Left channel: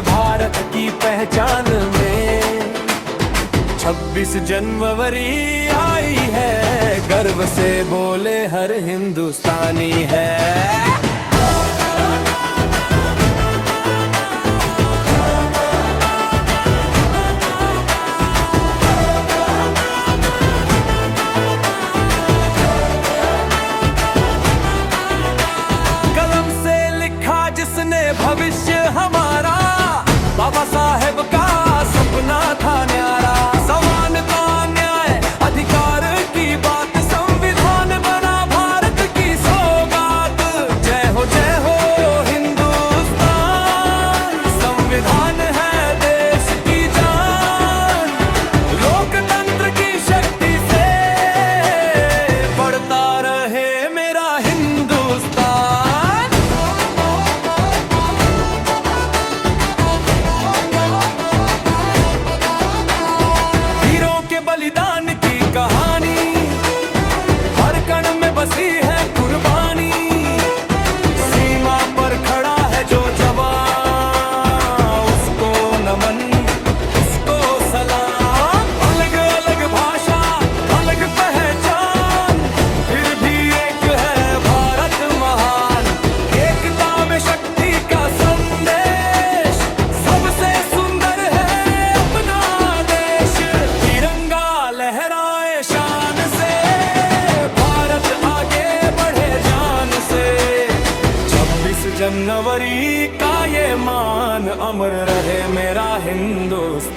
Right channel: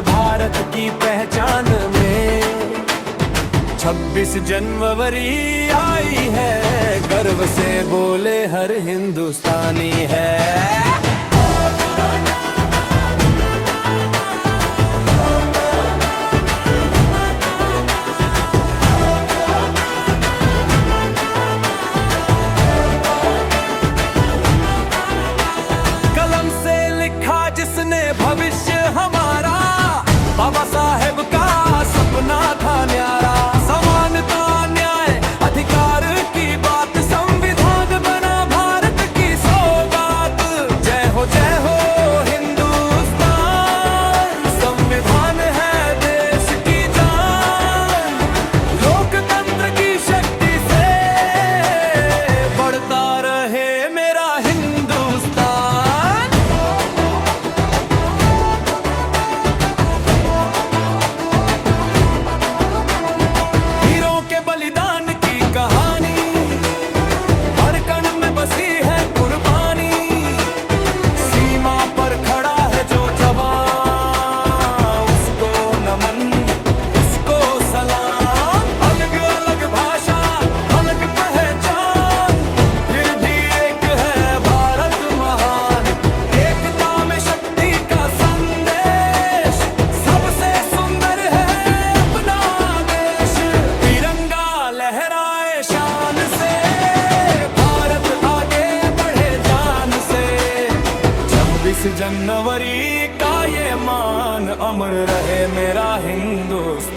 भारत की पहचान में 26 जनवरी आई है, गर्व से बोले हर हिंदुस्तानी है। कलम से लिखा जिसने भविष्य हमारा, बाबा साहेब का सपना था न्यारा। समानता न्याय अधिकार की बात, संविधान बना भारत की सौगात। जय हो हिंदुस्तान, संविधान है देश की जान। लोकतंत्र की शक्ति से बढ़ता रहे मेरा हिंदुस्तान। के बलिदान की कहानी, हर कण में बसी है कुर्बानी। सीमा पर खड़ा है जो जवान, उसको नमन, उसको सलाम। अलग अलग भाषा, अलग पहचान, फिर भी एक है भारत महान। एकता में शक्ति का संदेश, सबसे सुंदर है अपना देश। लहराए शान से, भारत आगे बढ़े जान से। 26 जनवरी का ये मान, अमर रहे मेरा हिंदुस्तान।